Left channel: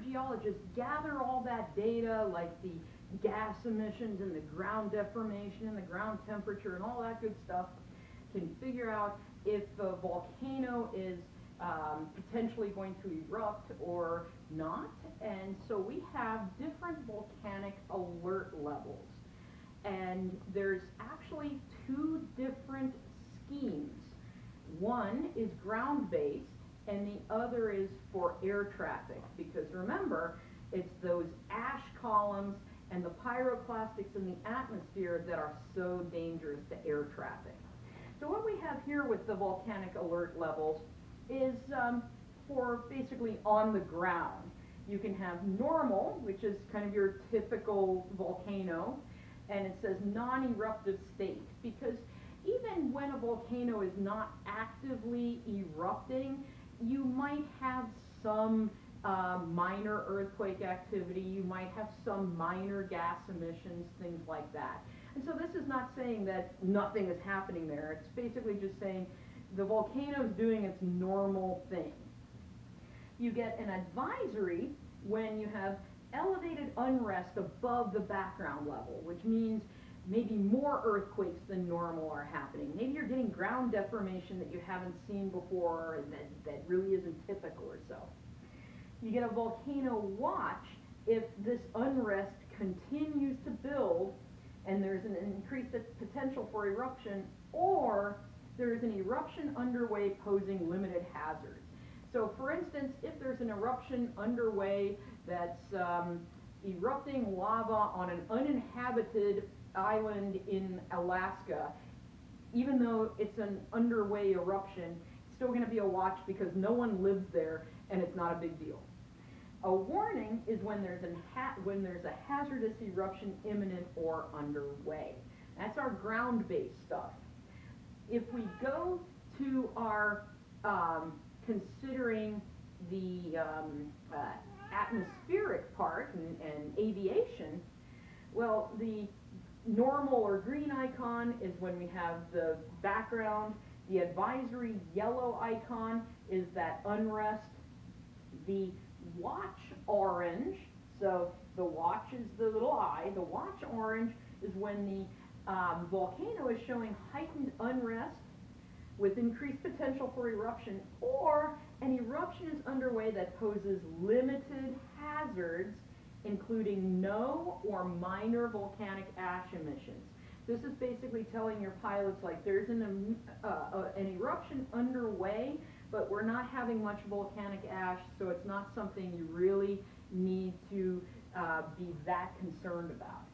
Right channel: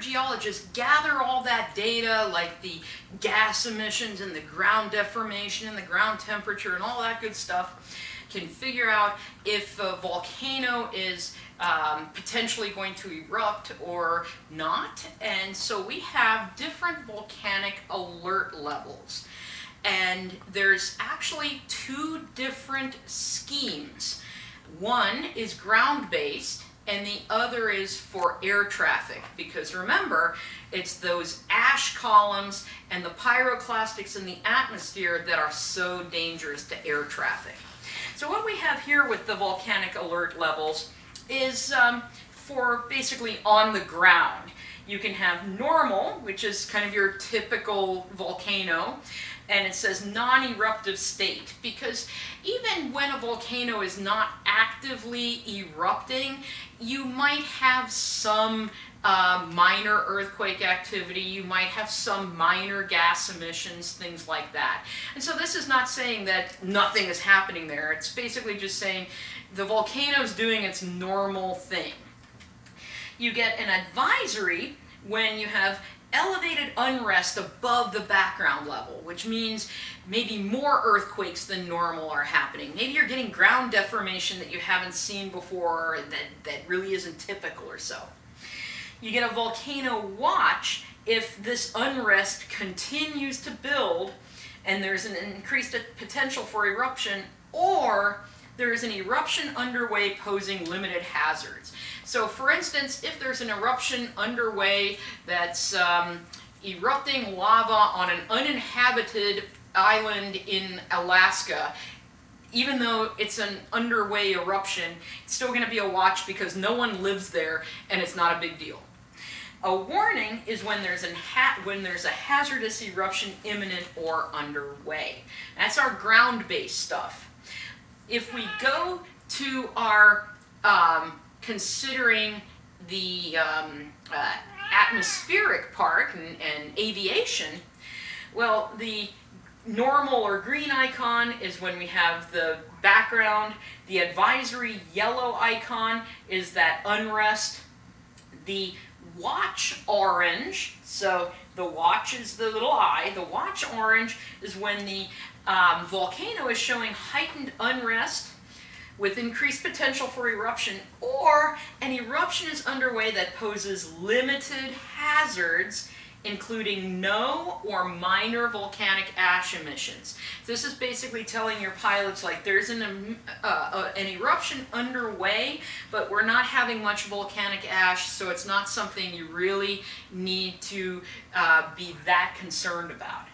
geologists gather all that data, like the gas emissions and the ground deformation and the ground temperature and all that good stuff, can figure out if a volcano is potentially going to erupt or not. And so we have different volcanic alert levels. And there's actually two different schemes. One is ground-based, and the other is for air traffic, because remember, it's those ash columns and the pyroclastics in the atmosphere that are so dangerous to air traffic. So what we have here with the volcanic alert levels is for basically on the ground. You can have normal, which is kind of your typical volcano, and it says non-eruptive state, because even when a volcano is not actively erupting, you might have some minor earthquake activity, you might have some minor gas emissions, things like that. And so this is not saying that nothing is happening there, it's basically just saying the volcano is doing its normal thing. You get an advisory when you have elevated unrest above the background level, which means maybe more earthquakes than normal are happening. Maybe you're getting ground deformation that you haven't seen before that really isn't typical or so. You get a volcano watch if this unrest continues to build and there's an increased potential for eruption, or there is an eruption underway posing limited hazards. So for instance, if there's an eruption underway that's erupting lava on an uninhabited island in Alaska, even though it's an underway eruption, it's still going to be a watch because no one lives there and it's not a big deal. A warning is when there's a hazardous eruption imminent or underway. That's our ground-based stuff. If we go to our considering the atmospheric part and aviation, well, the normal or green icon is when we have the background. The advisory yellow icon is that unrest. The watch orange, so the watch is the little eye, the watch orange is when the volcano is showing heightened unrest with increased potential for eruption, or an eruption is underway that poses limited hazards, including no or minor volcanic ash emissions. This is basically telling your pilots, like, there's an eruption underway, but we're not having much volcanic ash, so it's not something you really need to be that concerned about.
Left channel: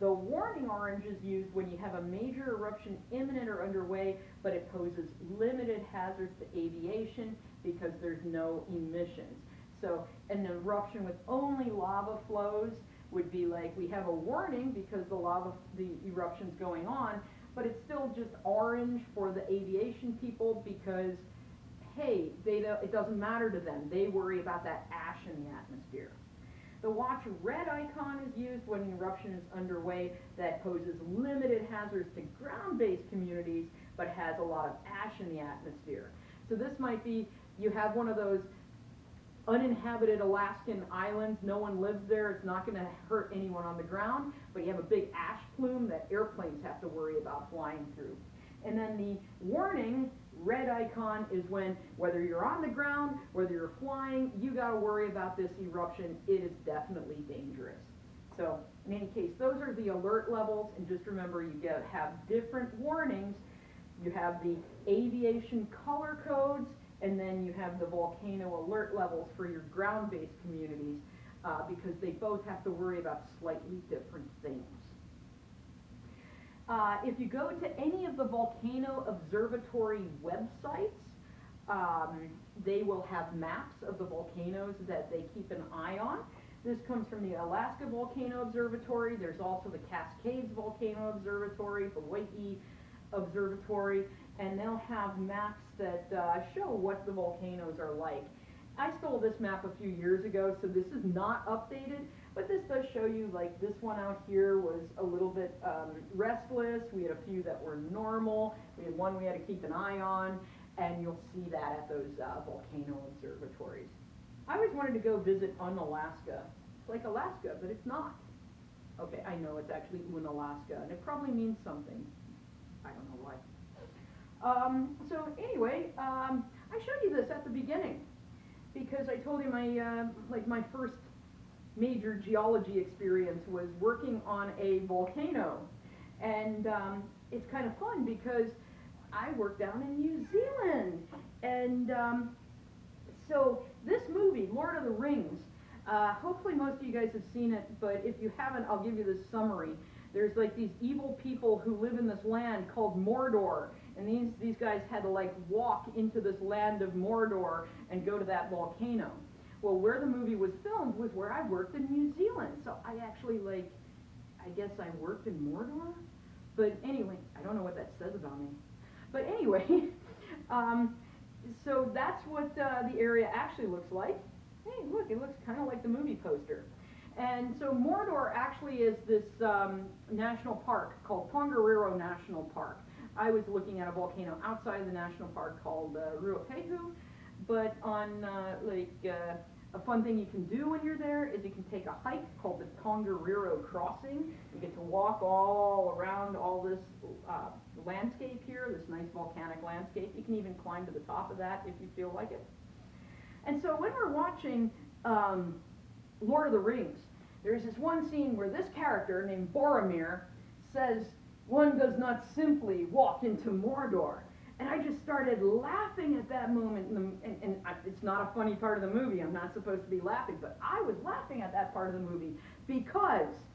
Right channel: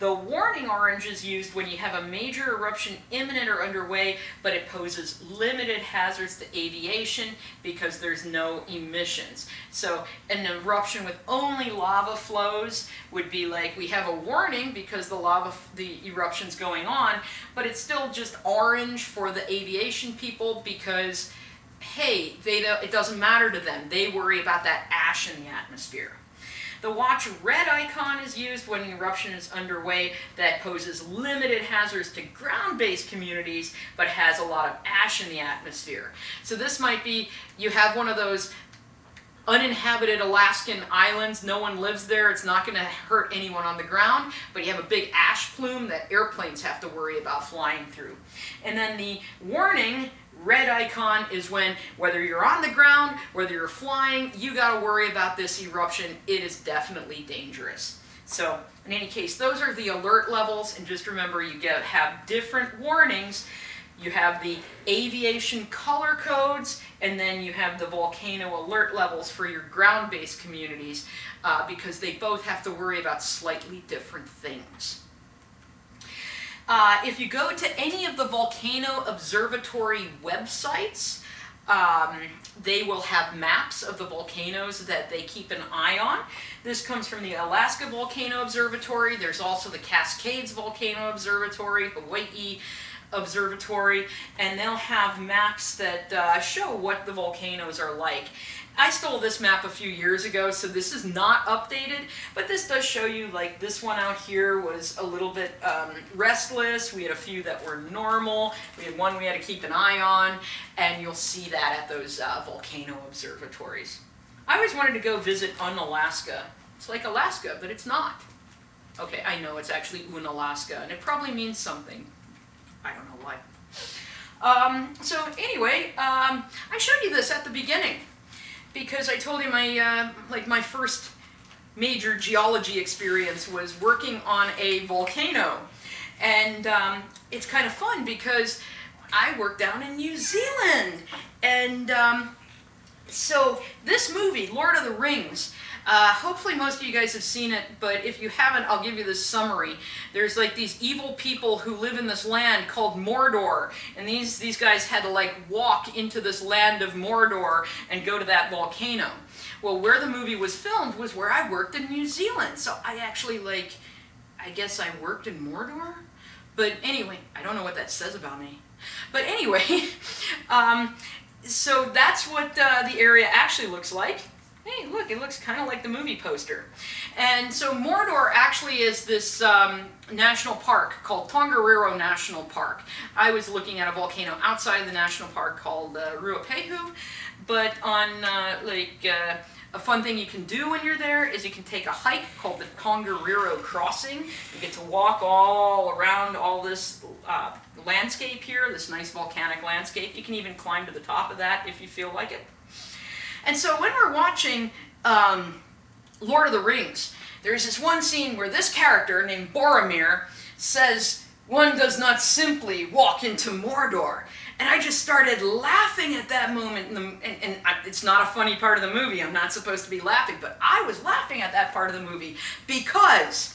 The warning orange is used when you have a major eruption imminent or underway, but it poses limited hazards to aviation because there's no emissions. So an eruption with only lava flows would be like, we have a warning because the eruption's going on, but it's still just orange for the aviation people because, hey, it doesn't matter to them. They worry about that ash in the atmosphere. The watch red icon is used when an eruption is underway that poses limited hazards to ground-based communities but has a lot of ash in the atmosphere. So this might be, you have one of those uninhabited Alaskan islands, no one lives there, it's not going to hurt anyone on the ground, but you have a big ash plume that airplanes have to worry about flying through. And then the warning red icon is when, whether you're on the ground, whether you're flying, you got to worry about this eruption. It is definitely dangerous. So in any case, those are the alert levels, and just remember you have different warnings. You have the aviation color codes, and then you have the volcano alert levels for your ground-based communities, because they both have to worry about slightly different things. If you go to any of the volcano observatory websites, they will have maps of the volcanoes that they keep an eye on. This comes from the Alaska Volcano Observatory. There's also the Cascades Volcano Observatory, Hawaii Observatory, and they'll have maps that show what the volcanoes are like. I stole this map a few years ago, so this is not updated, but this does show you, like, this one out here was a little bit restless. We had a few that were normal. We had one we had to keep an eye on, and you'll see that at those volcano observatories. I always wanted to go visit Unalaska. It's like Alaska, but it's not. Okay, I know it's actually Unalaska, and it probably means something. I don't know why. So anyway, I showed you this at the beginning because I told you my first major geology experience was working on a volcano, and it's kind of fun because I worked down in New Zealand, and so this movie, Lord of the Rings, hopefully most of you guys have seen it, but if you haven't, I'll give you this summary. There's like these evil people who live in this land called Mordor, and these guys had to like walk into this land of Mordor and go to that volcano. Well, where the movie was filmed was where I worked in New Zealand, so I actually I guess I worked in Mordor? But anyway, I don't know what that says about me. But anyway, so that's what the area actually looks like. Hey, look, it looks kind of like the movie poster. And so Mordor actually is this national park called Tongariro National Park. I was looking at a volcano outside of the national park called Ruapehu, but on a fun thing you can do when you're there is you can take a hike called the Tongariro Crossing. You get to walk all around all this landscape here, this nice volcanic landscape. You can even climb to the top of that if you feel like it. And so when we're watching Lord of the Rings, there's this one scene where this character named Boromir says, "One does not simply walk into Mordor." And I just started laughing at that moment. And it's not a funny part of the movie. I'm not supposed to be laughing, but I was laughing at that part of the movie because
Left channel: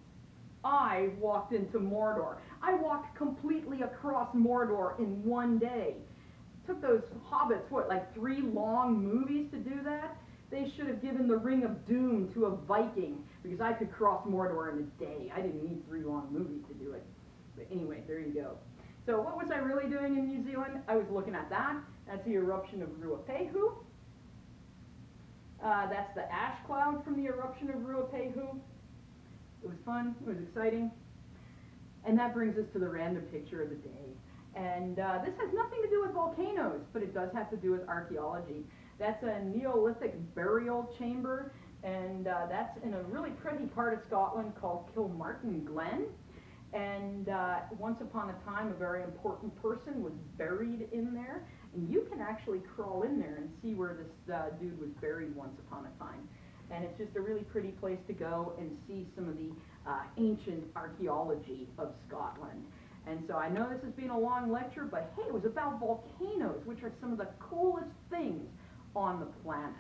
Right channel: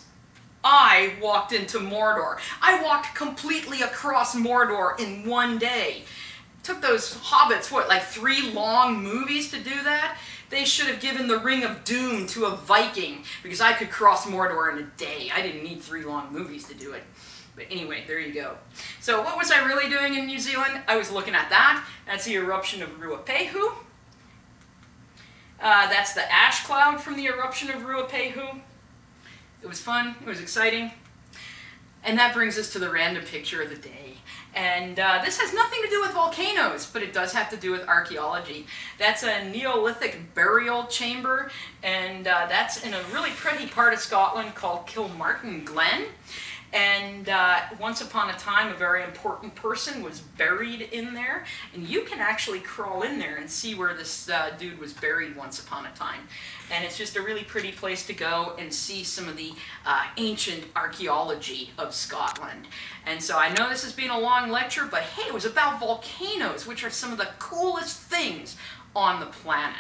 I walked into Mordor. I walked completely across Mordor in one day. Took those hobbits, like 3 long movies to do that? They should have given the Ring of Doom to a Viking, because I could cross Mordor in a day. I didn't need 3 long movies to do it. But anyway, there you go. So what was I really doing in New Zealand? I was looking at that. That's the eruption of Ruapehu. That's the ash cloud from the eruption of Ruapehu. It was fun. It was exciting. And that brings us to the random picture of the day. And this has nothing to do with volcanoes, but it does have to do with archaeology. That's a Neolithic burial chamber, and that's in a really pretty part of Scotland called Kilmartin Glen. And once upon a time, a very important person was buried in there, and you can actually crawl in there and see where this dude was buried once upon a time. And it's just a really pretty place to go and see some of the ancient archaeology of Scotland. And so I know this has been a long lecture, but hey, it was about volcanoes, which are some of the coolest things on the planet.